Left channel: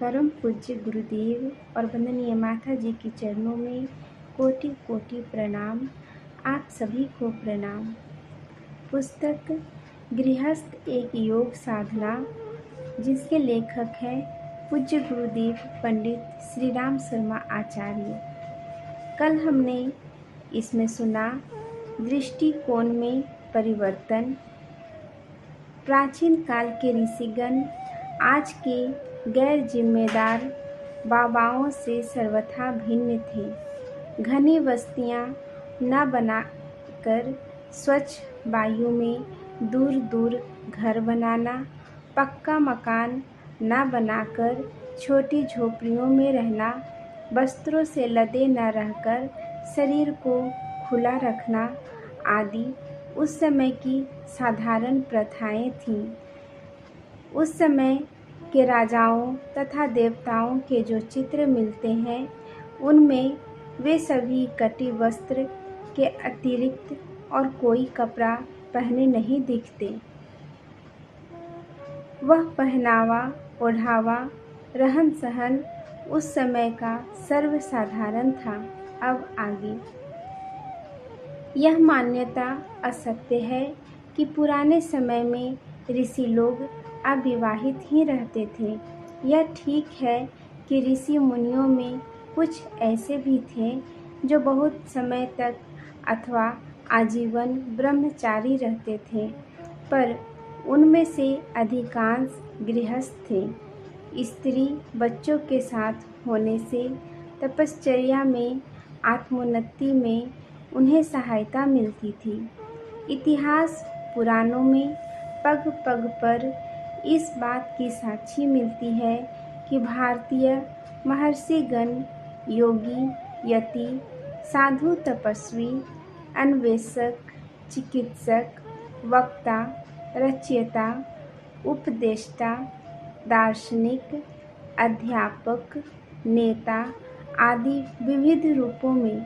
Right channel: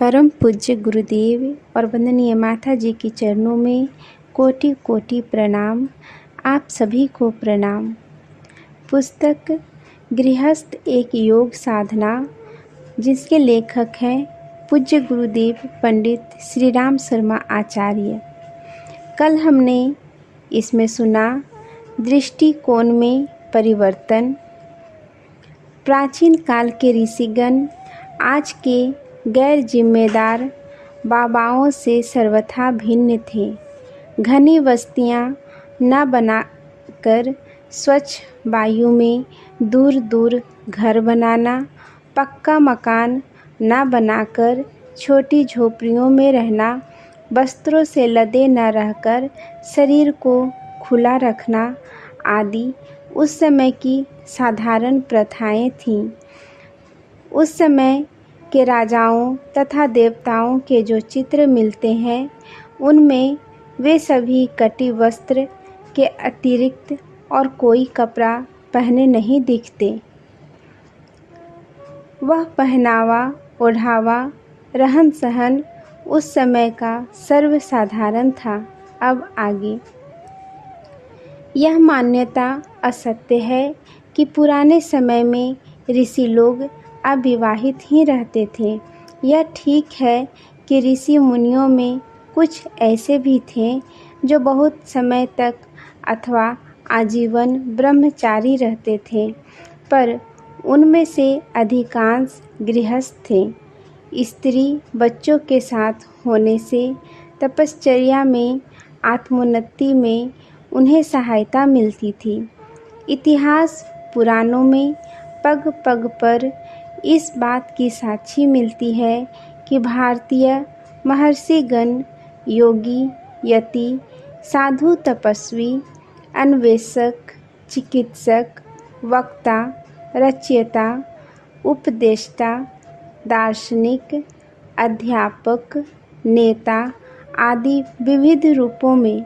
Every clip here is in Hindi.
परम पूज्य गुरुदेव और वंदनीय माता जी के चरणों में कोटि कोटि प्रणाम। आप सभी को प्रणाम। पुस्तक गृहस्थ एक योग साधना, जिसके लेखक हैं पूज्य गुरुदेव पंडित श्री राम शर्मा आचार्य। कल हमने इसमें सुना दृष्टिकोण में परिवर्तन। प्राचीन काल के ऋषिगण आज के गैर जिम्मेदार बाबाओं से सर्वथा भिन्न थे। घनी बस्तियां न बनाकर स्वच्छ वायु में दूर दूर घर बनाना, पक्का मकान न बनाकर छोटी झोपड़ियों में रहना, वस्त्रों से लदे न रहकर शरीर को खुला रखना आदि उस समय की साधारण प्रथाएं थीं। उस समय के राजाओं तथा देवताओं के जो चित्र मिलते हैं, उनमें वे सभी कटी वस्त्र के अतिरिक्त और कोई कपड़ा पहने नहीं दिखते। वह पहनावा ओढ़ावा रहन सहन उस समय का सर्वसाधारण था। अब आगे यह मान्यता असत्य है कि पुराने समय में ऋषि लोग अविवाहित ही रहते थे। यह ठीक है कि ऋषि मुनियों में कुछ ऐसे भी थे जो बहुत समय तक अथवा आजीवन ब्रह्मचारी रहते थे, पर उनमें से अधिकांश गृहस्थ थे। स्त्री बच्चों के साथ होने से तपश्चर्या में, आत्मोन्नति में उन्हें सहायता मिलती थी। इतिहास पुराणों में पग पग पर इस बात की साक्षी मिलती है कि भारतीय महर्षिगण योगी, यति, साधु, तपस्वी, अन्वेषक, चिकित्सक, वक्ता, रचयिता, उपदेष्टा, दार्शनिक, अध्यापक, नेता आदि विविध रूपों में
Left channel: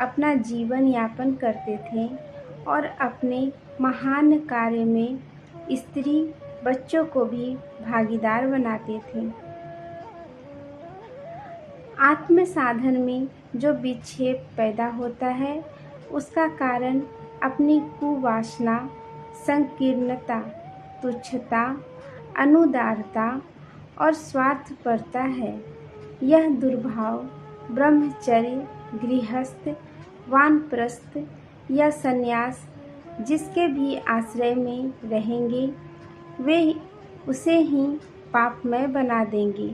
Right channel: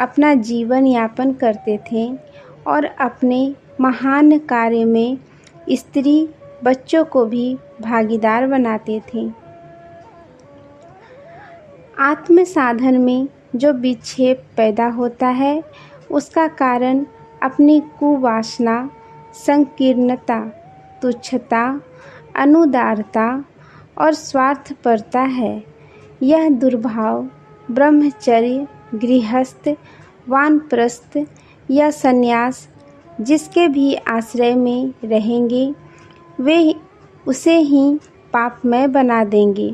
अपना जीवन यापन करते थे और अपने महान कार्य में स्त्री बच्चों को भी भागीदार बनाते थे। आत्म साधन में जो विक्षेप पैदा होता है, उसका कारण अपनी कुवासना, संकीर्णता, तुच्छता, अनुदारता और स्वार्थपरता है। यह दुर्भाव ब्रह्मचर्य, गृहस्थ, वानप्रस्थ या संन्यास जिसके भी आश्रय में रहेंगे, वे उसे ही पापमय बना देंगे।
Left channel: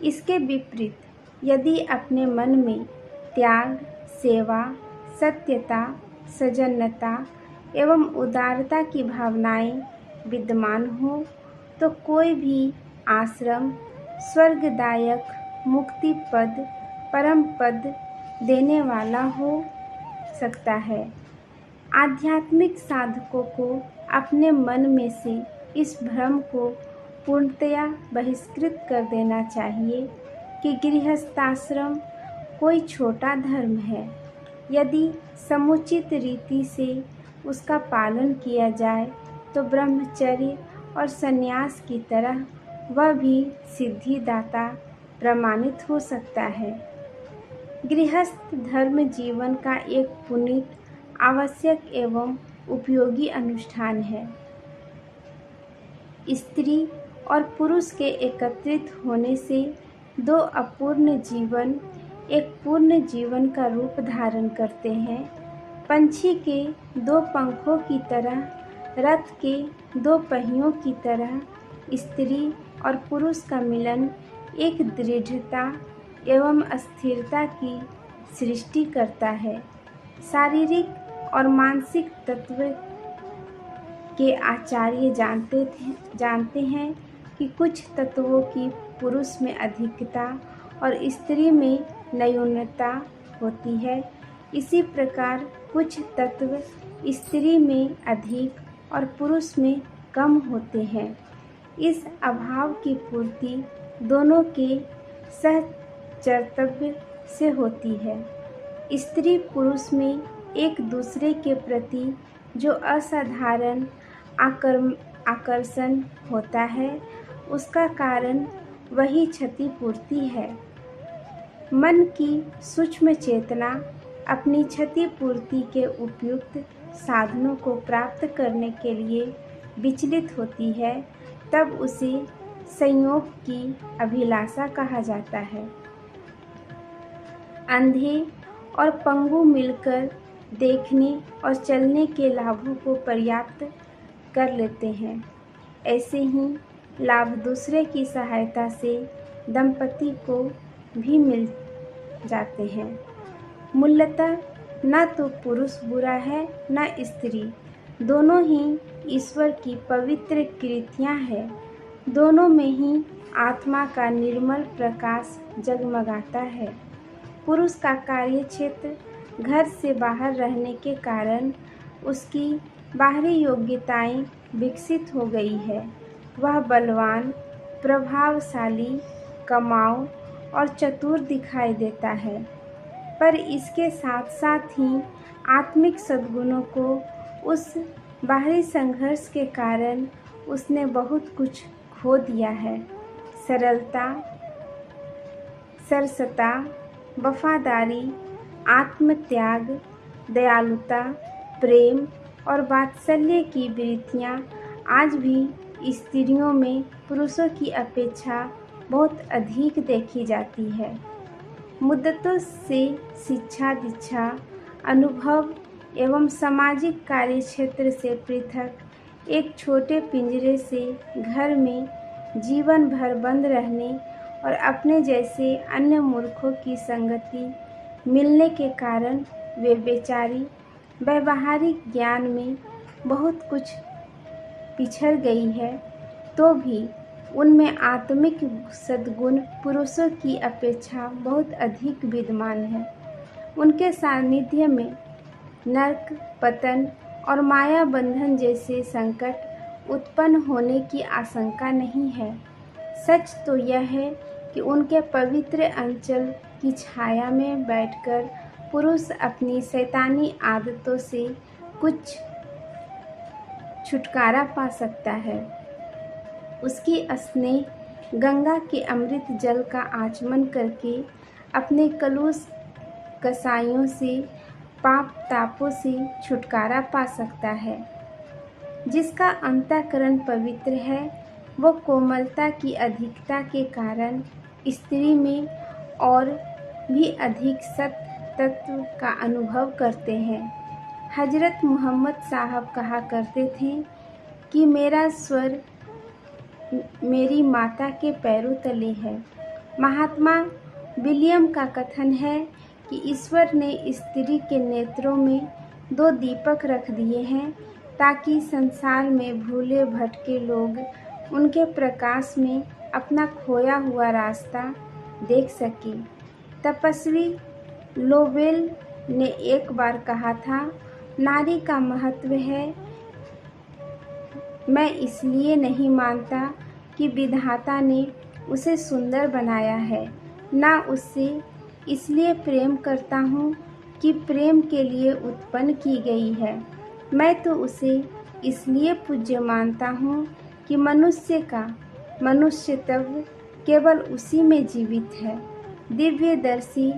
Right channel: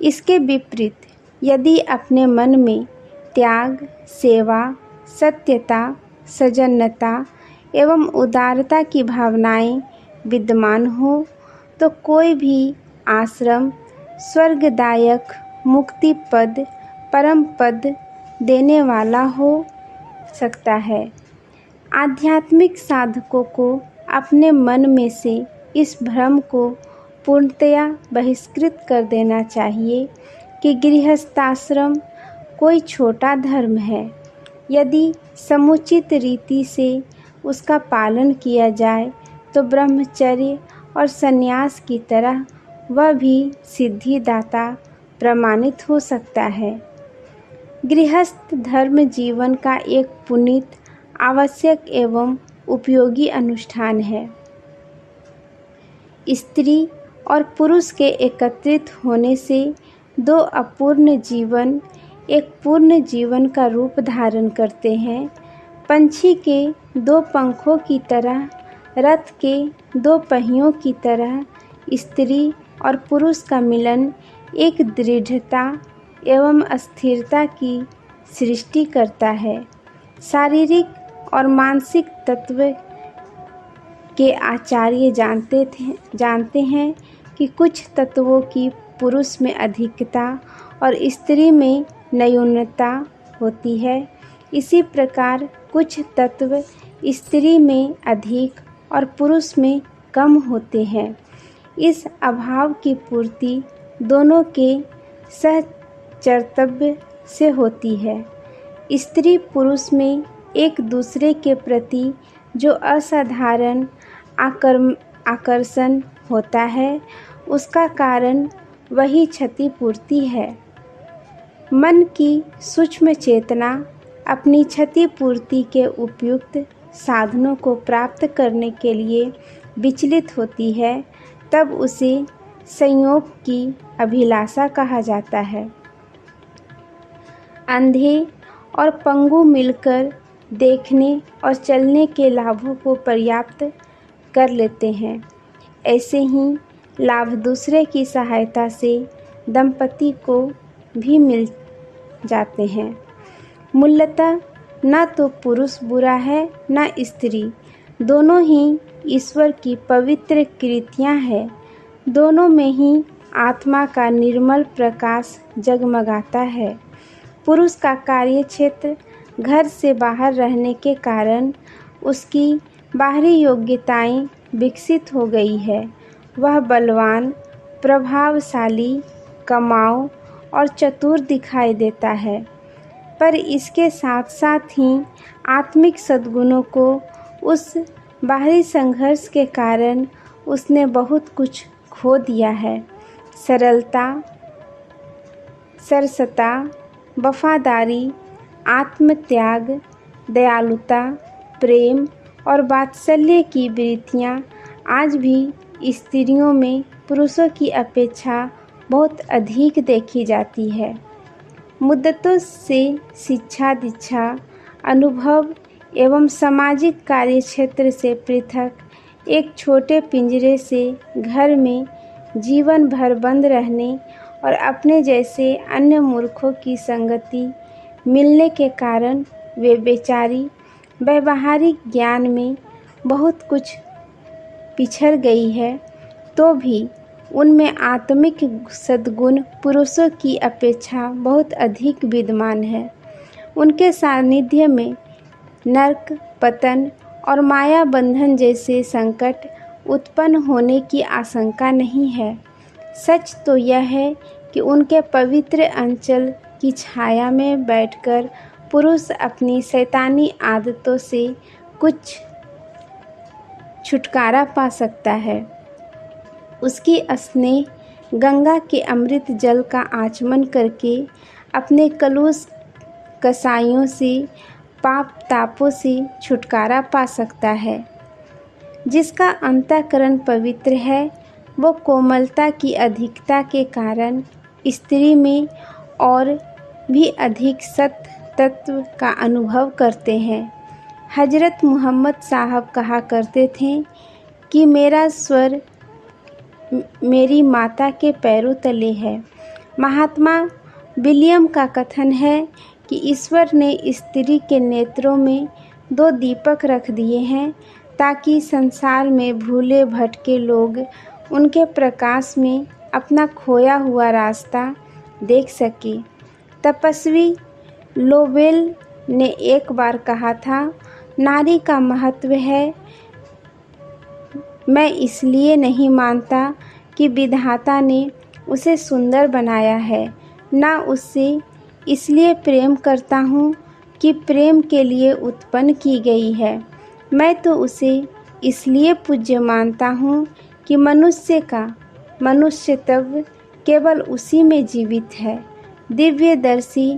इसके विपरीत यदि अपने मन में त्याग, सेवा, सत्यता, सजनता एवं उदारता की भावनाएं विद्यमान हो, तो कोई भी आश्रम स्वर्गदायक, मुक्ति पद, परम पद देने वाला हो सकता है। आध्यात्मिक साधकों को अपने मन में से इस भ्रम को पूर्णतया बहिष्कृत कर देना चाहिए कि गृहस्थाश्रम कोई छोटा धर्म है। यदि समुचित रीति से उसका पालन किया जाए तो ब्रह्मचर्य और संन्यास की तरह वह भी सिद्धिदाता प्रमाणित हो सकता है। गृहस्थ धर्म जीवन का एक पुनीत, आवश्यक एवं उपयोगी अनुष्ठान है। स्त्री और पुरुष के एकत्रित होने से दो अपूर्ण जीवन एक पूर्ण जीवन का रूप धारण करते हैं। पंछी के दो पंखों की तरह, रथ के दो पहियों की तरह स्त्री और पुरुष का मिलन एक दृढ़ता एवं स्थिरता की सृष्टि करता है। शारीरिक और मानसिक तत्व के आचार्य जानते हैं कि कुछ तत्वों की पुरुष में अधिकता और स्त्री में न्यूनता होती है। इसी प्रकार कुछ तत्व स्त्री में अधिक और पुरुष में कम होते हैं। इस अभाव की पूर्ति दोनों के सहचर्तव्य से होती है। स्त्री पुरुष में एक दूसरे के प्रति जो असाधारण आकर्षण होता है, उसका कारण वही क्षतिपूर्ति है। मन की सूक्ष्म चेतना अपनी क्षतिपूर्ति के उपयुक्त साधनों को प्राप्त करने के लिए विचलित होती है, तब उसे संयोग की अभिलाषा कहा जाता है। अंधे और पंगु मिलकर देखने और चलने के लाभों को पर्याप्त कर लेते हैं। ऐसे ही लाभ दूसरे की सहायता से दंपति को भी मिल जाते हैं। मूलतः न तो पुरुष बुरा है न स्त्री, दोनों ही ईश्वर की पवित्र कृतियाँ हैं। दोनों में ही आत्मा का निर्मल प्रकाश जगमगाता है। पुरुष का कार्य क्षेत्र घर से बाहर रहने के कारण उसकी बाहरी योग्यताएं विकसित हो गई है। वह बलवान, प्रभावशाली, कमाऊ और चतुर दिखाई देता है, पर इसके साथ साथ ही आत्मिक सद्गुणों को उस बाहरी संघर्ष के कारण उसने बहुत कुछ खो दिया है। सरलता, सरसता, वफादारी, आत्मत्याग, दयालुता, प्रेम और वात्सल्य की वृत्तियाँ आज भी स्त्रियों में पुरुषों की अपेक्षा बहुत अधिक देखी जाती है। मुद्दतों से शिक्षा दीक्षा, अनुभव एवं सामाजिक कार्यक्षेत्र से पृथक एक छोटे पिंजरे से घर में जीवन भर बंद रहने और अपने जैसे अन्य मूर्खों की संगति मिलने के कारण वे बेचारी व्यावहारिक ज्ञान में बहुत कुछ पिछड़ गई है, तो भी उनमें आत्मिक सद्गुण पुरुषों की अपेक्षा बहुत अधिक विद्यमान है। उनके सानिध्य में नरक, पतन और माया बंधन जैसे संकट उत्पन्न होने की आशंका नहीं है। सच तो यह है कि उनके पवित्र अंचल की छाया में बैठकर पुरुष अपनी शैतानी आदतों से कुछ छुटकारा पा सकता है। उसकी स्नेह गंगा के अमृत जल का आचमन करके अपने कलुष कसाइयों से, पाप तापों से छुटकारा पा सकता है। जिसका अंतःकरण पवित्र है, वो कोमलता की अधिकता के कारण स्त्री में और भी अधिक सत तत्व का अनुभव करते हैं। हजरत मोहम्मद साहब कहा करते थे कि मेरा स्वर मेरी माता के पैरों तले है। महात्मा विलियम का कथन है कि ईश्वर ने स्त्री के नेत्रों में 2 दीपक रख दिए हैं ताकि संसार में भूले भटके लोग उनके प्रकाश में अपना खोया हुआ रास्ता देख सके। तपस्वी लोवेल ने एक बार कहा था, नारी का महत्व है मैं इसलिए नहीं मानता कि विधाता ने उसे सुंदर बनाया है, ना उससे इसलिए प्रेम करता हूँ कि प्रेम के लिए उत्पन्न की गई है। मैं तो उसे इसलिए पूज्य मानता हूँ कि मनुष्य का मनुष्यत्व केवल उसी में जीवित है। दिव्यदर्शी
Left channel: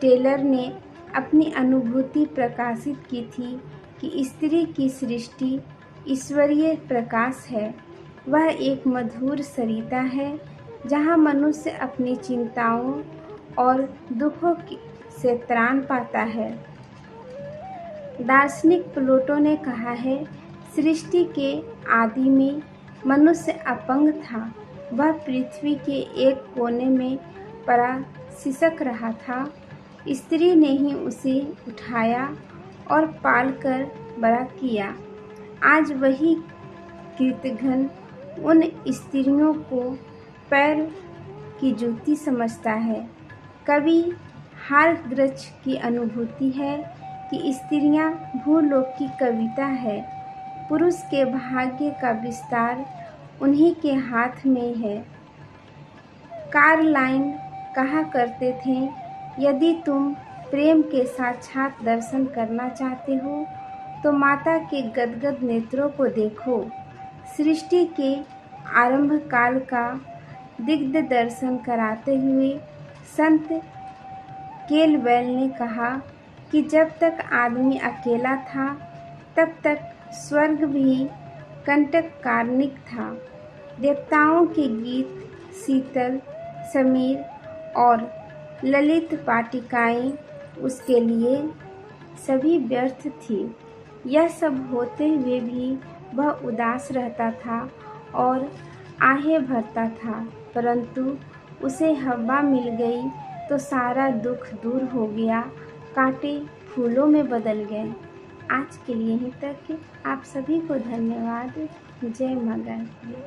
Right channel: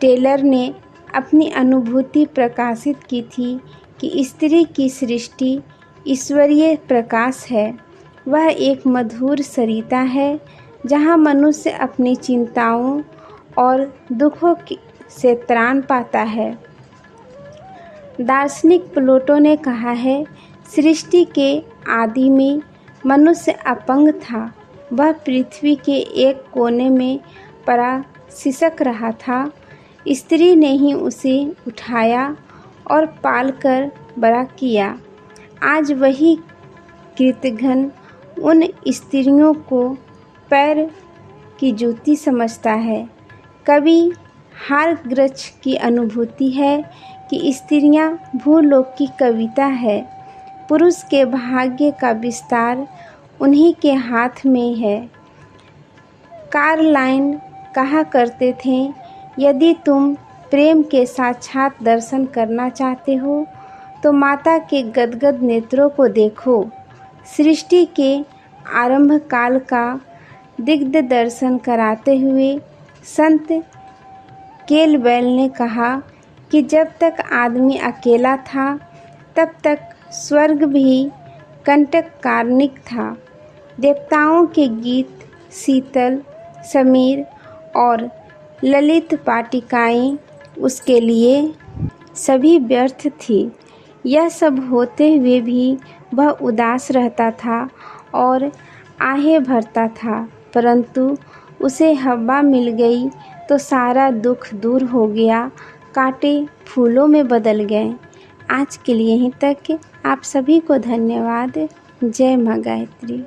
टेलर ने अपनी अनुभूति प्रकाशित की थी कि स्त्री की सृष्टि ईश्वरीय प्रकाश है। वह एक मधुर सरिता है जहाँ मनुष्य अपनी चिंताओं और दुखों से त्राण पाता है। दार्शनिक प्लेटो ने कहा है, सृष्टि के आदि में मनुष्य अपंग था। वह पृथ्वी के एक कोने में पड़ा सिसक रहा था। स्त्री ने ही उसे उठाया और पालकर बड़ा किया। आज वही कृतघ्न उन स्त्रियों को पैर की जूती समझता है। कभी हारग्रच्छ की अनुभूति है कि स्त्रियां भूलोक की कविता है। पुरुष के भाग्य का विस्तार उन्हीं के हाथ में है। कार्लाइन कहा करते थे, यदि तुम प्रेम के साक्षात दर्शन करना चाहते हो तो माता के गदगद नेत्रों को देखो। सृष्टि के आरंभ काल का दिग्ध दर्शन कराते हुए संत केलवैल ने कहा कि जब तक आदमी अकेला था तब तक स्वर्ग भी कंटककार्निक था। देवताओं के गीत, शीतल, समीर और ललित पाटिकाएं उसके लिए सभी व्यर्थ थी। यह सब होते हुए भी वह उदास रहता था और आहें भरता था, परंतु उसे हवा मिल गई तो सारा दुख दूर हो गया, कांटे फूलों में बदल गए। आज के लिए यहीं तक। आप सभी को धन्यवाद। जय माँ गायत्री।